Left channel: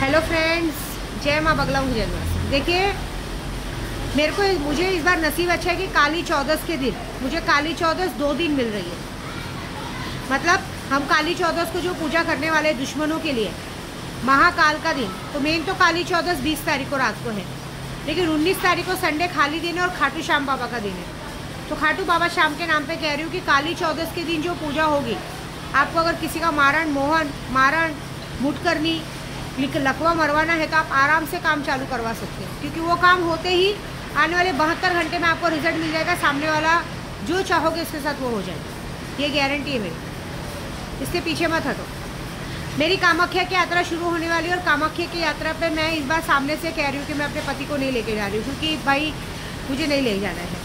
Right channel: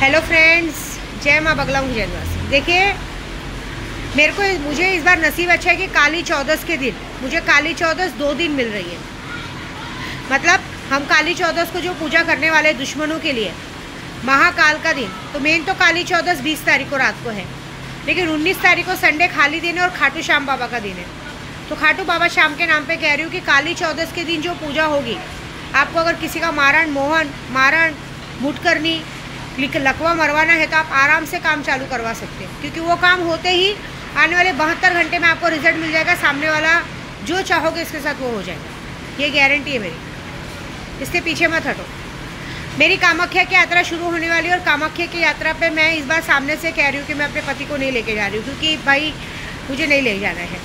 Hello friends, जय माँ बगला हूँ जयवासी। देखिए, मुझे इस बार नसीब अच्छा है कि काली चौदस के दिन मुझे काली चौदस 2 दिन मिल रही है। मतलब हम काली चौदस को जो पूजा करने वाले दुश्मनों के लिए महाकाल का दिन, तो मेन तो काली चौदस 20 तारीख को रात को है, लेकिन 19 तारीख को संडे खाली दिन है और खाटू श्याम बाबा का दिन है। तो खाटू बाबा श्याम के नाम पे कह रही हूँ कि काली चौदस के दिन जो पूजा होगी, आपको अगर किसी का मारण मुठ करनी, लकवा मरवाना है तो आप आराम से काम चालू करवा सकते हो, क्योंकि वो काम होते ही आने वाले 72 घंटे में आपको रिजल्ट मिल जाएगा। सामने वाला जो चाहोगे इसके साथ वो हो जाएगा, ये गारंटी है मेरी। इससे पीछे मत हटो। मेरी कामाख्या की यात्रा शुरू होने वाली है और कामाख्या की यात्रा पे मैं इस बार सामने से कह रही हूँ कि मैं अपने पति को नहीं लेके जा रही हूँ, क्योंकि भाई मुझे नहीं ले जाना है।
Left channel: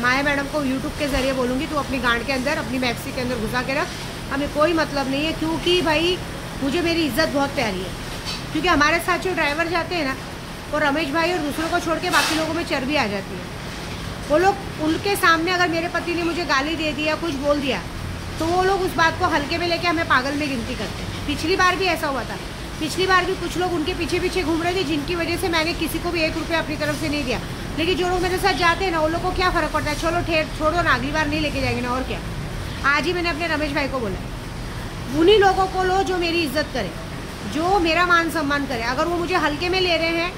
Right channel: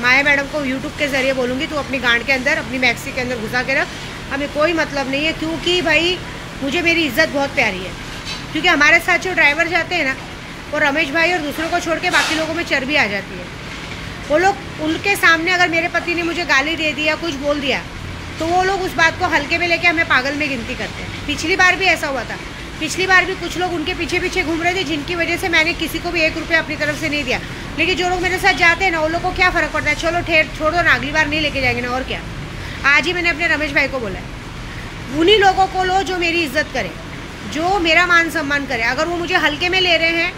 माया मैडम को यूट्यूब के ज़रिए बोलूँगी तू अपनी गांड के अंदर, अपनी मैक्सी के अंदर घुसा के रख, हमें कोई मतलब नहीं है। क्योंकि भाई मुझे मेरी इज्जत बहुत प्यारी है, क्योंकि हमारे साथ जो ड्राइवर जाते हैं ना, वो रमेश भाई और दूसरों को छोड़ के बाकी लोगों में चर्बी आ जाती है। वो लोग, उनके सामने अगर मेरे पति ने मुझे गाली दे दिया, कुछ बोल दिया, तो वो लोग उस बात को हल्के में लेके हमें पागल में गिनती करते हैं। पिछली बार भी ऐसा हुआ था। पिछली बार भी कुछ लोग उनके पीछे पीछे घूम रहे थे, जिनकी वजह से मैंने किसी को भी 1 रुपया अपनी तरफ से नहीं दिया। लेकिन जो लोग मेरे साथ जाते हैं ना, उन लोग को क्या फ़र्क पड़ता है, चलो छोड़ो ना, अगली बार नहीं लेके जाएंगे ना, और क्या। आज ही मैंने अपने रमेश भाई को बोला है, उन्हीं लोगों को लो जो मेरी इज्जत करे, जो मेरा मान सम्मान करे। अगर वो मुझे हल्के में ले रहे हैं,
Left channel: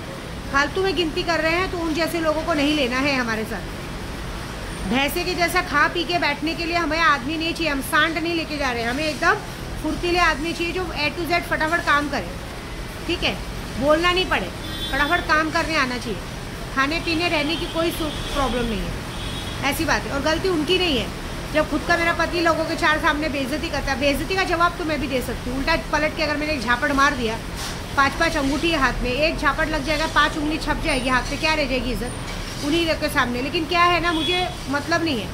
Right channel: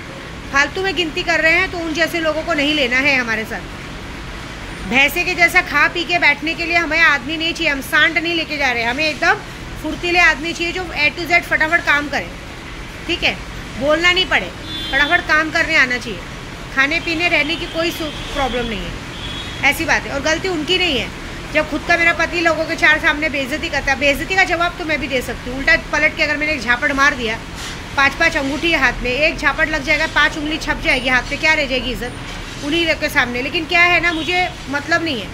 फालतू में गिनती कर रहे हैं, तो उन जैसे लोगों को नहीं लेना है हमारे साथ। भैंसे के जैसा खा पी के बैठने के लिए हमें आदमी नहीं चाहिए। हम सांड नहीं लेके जा रहे हैं, हमें एकदम फुर्तीले आदमी चाहिए जो A to Z फटाफट काम करे। ठीक है, बोलना नहीं पड़े, फटाफट काम करने आना चाहिए। खाने पीने रहने की कोई प्रॉब्लम नहीं है, ऐसी बात है। और गलती उनकी नहीं है। जब खुद का मेरा पति लोगों के 4 सामने बेइज्जती करता है, बेइज्जती का जवाब तो मैं भी दे सकती हूँ। उल्टा पलट के अगर मैंने एक झापड़ मार दिया, 5-5 अंगूठी है हाथ में, एक झापड़ लग जाएगा, 5 उंगली छप जाएगी हाथ पे, क्या रह जाएगी इज्जत उन्हीं लोग के सामने। लेकिन क्या है ना, मुझे मतलब नहीं है।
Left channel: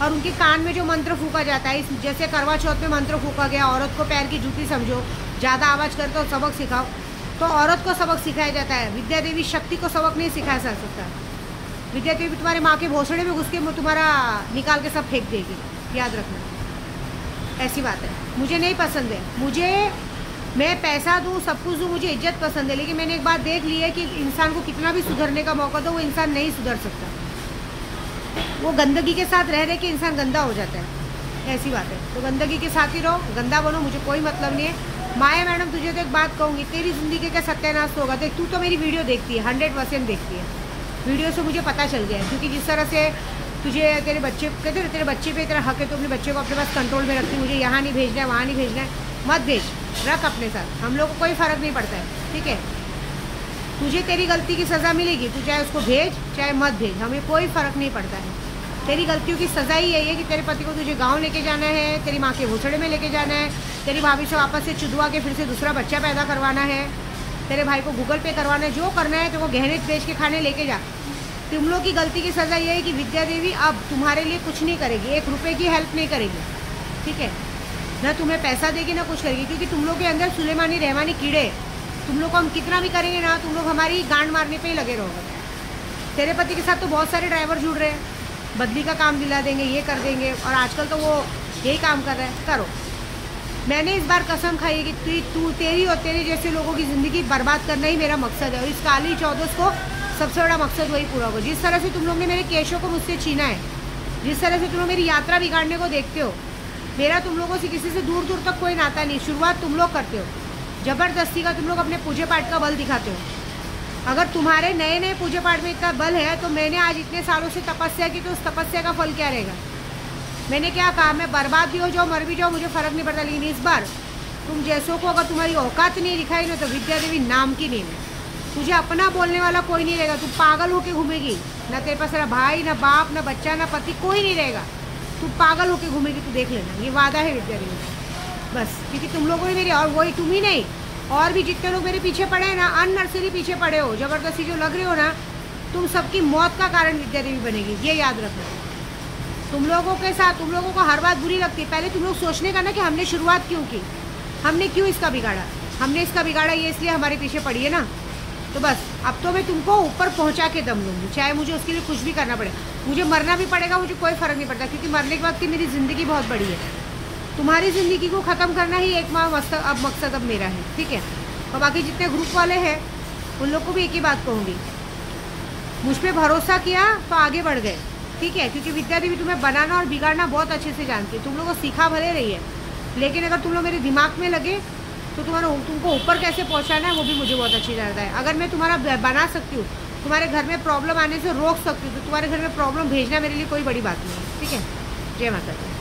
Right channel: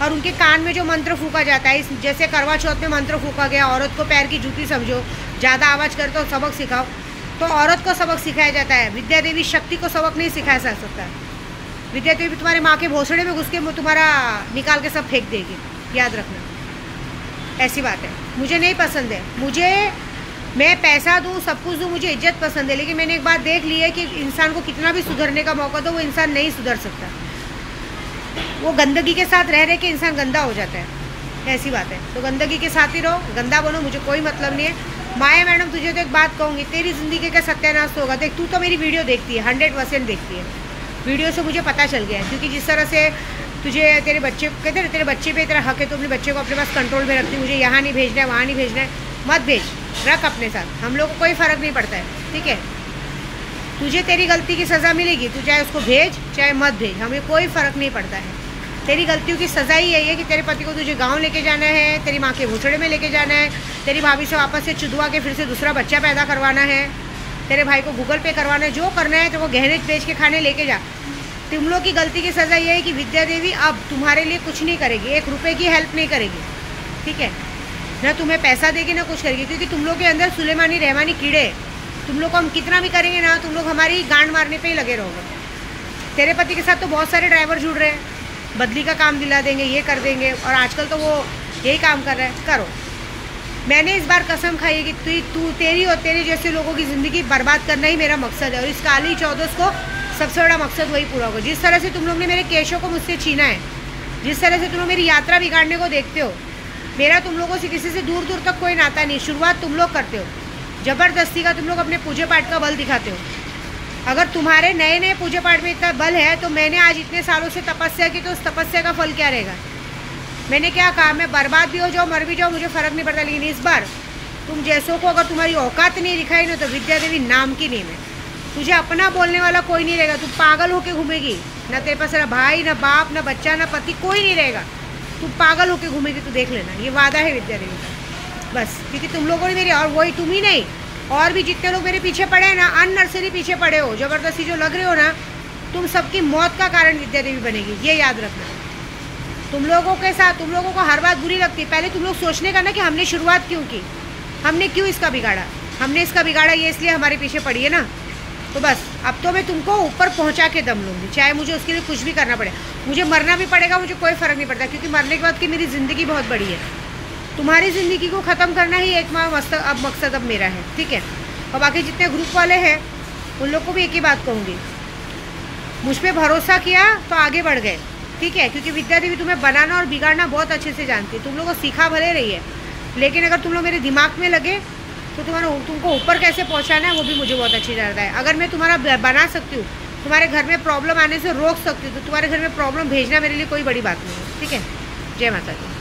और उनके कान में जो मंत्र फूका जाता है, जैसे करवा चौथ में मंत्र फूका गया, औरत को पैर की जूती समझो, ज़्यादा आवाज़ करते हो सबक सिखाओ, तो औरत को सबक सिखाया जाता है। विद्या देवी शक्ति को सबक नहीं सिखाया जा सकता। विद्या देवी तुम्हारे माँ के भोसड़े में घुस के तुम्हारा निकाल के सब फेंक देगी, याद रखना। ऐसी बात है, मुझे नहीं पसंद है। मैं पैसा दूँ, सब कुछ दूँ, मुझे इज्जत पसंद है, लेकिन मैंने एक बात देख ली है कि इंसान को कितना भी सुधरने का मौका दो, वो इंसान नहीं सुधर सकता। वो गंदगी के साथ रह रहे कि इंसान गंदा हो जाता है, ऐसी बात है। तो गंदगी के साथ ही रहो, गंदा बनो, मुझे कोई मतलब नहीं है। माया मैडम, तुझे तो एक बात कहूँगी, तेरी ज़िंदगी का सत्यानाश होगा। देख, तू तो मेरी वीडियो देखती है, 100% देखती है। वीडियो से मुझे पता चल गया है, क्योंकि जिस तरह से तुझे तेरे बच्चे कहते हैं, तेरे बच्चे पे तेरा हक है, तो अपने बच्चे को अपने पास कंट्रोल में रखती। मुझे यहाँ नहीं भेजना है, वहाँ नहीं भेजना है, मत भेज, रख अपने साथ, हम लोग को कोई फ़र्क नहीं पड़ता है। ठीक है, तुझे तेरी गलती की सज़ा मिलेगी, तू चाहे उसको भेज चाहे मत भेज, हमें कोई फ़र्क नहीं पड़ता है। तेरी गलतियों की सज़ा ही यही है कि तेरे पति को तुझे गांव लेके जाना है, तेरी माँ के भोसड़े में लेके जाना है, तेरी भाभी से वापस से चुदवा के फिर से दूसरा बच्चा पैदा करवाना है, तेरे भाई को गूगल पे करवाना है, जो करना है तो वो गहने बेच के खाने लेके जा। तुम लोग की गलती की सज़ा यह है कि विद्या देवी अब तुम्हारे लिए कुछ नहीं करेगी, 1 रुपये की हेल्प नहीं करेगी। ठीक है, ना तुम्हें पैसा देगी ना कुछ करेगी, क्योंकि तुम लोग के अंदर सुलेमानी रहमानी कीड़े। तुम लोग को हम कितना भी करेंगे ना, तुम लोग हमारी गांड मारने पे ही लगे रहोगे। तेरे पति के साथ तो बहुत सारे ड्राइवर जुड़ रहे हैं, बदली का काम दिला देंगे, ये कर देंगे, और आजकल तो वो यही काम कर रहा है। करो, मैंने इस बार कसम खाई है कि तेरी और तेरे जैसे लोगों की ज़िंदगी बर्बाद करना ही मेरा मकसद है। और इस काली चौदस को सबसे बड़ा मकसद वही पूरा होगा। जिस तरह से तुम लोग ने मेरे केशों को मुझसे छीना है, जिस तरह से तुम लोग मेरी यात्रा बिगाड़ने को देखते हो, मेरा तुम लोगों से किसी से दूर दूर तक कोई नाता नहीं। शुरुआत तुम लोग करते हो, ज़बरदस्ती का तुम लोग अपने पूजे पाठ का बल दिखाते हो। अगर तुम्हारे नए नए पूजे पाठ में इतना बल है, तो मैंने आज इतने सालों से तपस्या की, तो उस तपस्या का फल क्या रहेगा। मैंने क्या कहा, मैं बर्बाद भी हो जाऊँ, मर भी जाऊँ, मुझे फ़र्क नहीं पड़ता। लेकिन इस बार तुम जैसों को अगर तुम्हारी औकात नहीं दिखाई ना, तो विद्या देवी नाम की नहीं है। तुझे अपना बोलने वाला कोई नहीं रहेगा, तू पागल होके घूमेगी, ना तेरे पास तेरा भाई, ना बाप, ना बच्चा, ना पति, कोई नहीं रहेगा। तू पागल होके घूमेगी, तू देख लेना, ये वादा है विद्या देवी का। बस, क्योंकि तुम लोगों ने मेरी, और वही तुम ही नहीं, और भी जितने लोग मेरे पीछे पड़े हैं ना, अननर्सरी पीछे पड़े हो, ज़बरदस्ती जो लग रहे हो ना, तुम सबकी मौत का कारण विद्या देवी बनेगी, ये याद रखना। तुम लोगों के साथ, तुम लोगों को हर बात बुरी लगती है। पहले तुम लोग सोचने का ना कि हमने शुरुआत क्यों की, हमने क्यों इसका बिगाड़ा। हमने इसका बिगाड़ा ये इसलिए हमारे पीछे पड़ी है ना। तो बस, अब तो मैं तुमको ऊपर पहुंचा के दम लूँगी, चाहे मुझे उसके लिए कुछ भी करना पड़े। मुझे मरना भी पड़ेगा, मुझे कोई फ़र्क नहीं पड़ता, क्योंकि मरने के बाद की मेरी ज़िंदगी बहुत बड़ी है। तुम्हारी ज़िंदगी को ख़त्म करना ही एक मकसद अब मेरा है। ठीक है, और बाकी जितने ग्रुप वाले हैं उन लोग को भी एक ही बात कहूँगी, मुझ पर भरोसा किया तो आगे बढ़ गए, ठीक है। क्योंकि विद्या देवी तुम्हें बनाना और बिगाड़ना बहुत अच्छे से जानती है। तुम लोगों को सीखा भले रही है, लेकिन अगर तुम लोग मेरे दिमाग में लगे तो तुमको ऊपर कैसे पहुंचाना है वो भी मुझे बहुत अच्छी जानता है। अगर मैं तुम्हारा बना सकती हूँ, तुम्हारे घर में प्रॉब्लम आने से रोक सकती हूँ, तो तुम्हारे घर में प्रॉब्लम भेजना मेरे लिए कोई बड़ी बात नहीं है, ठीक है। जय माता दी।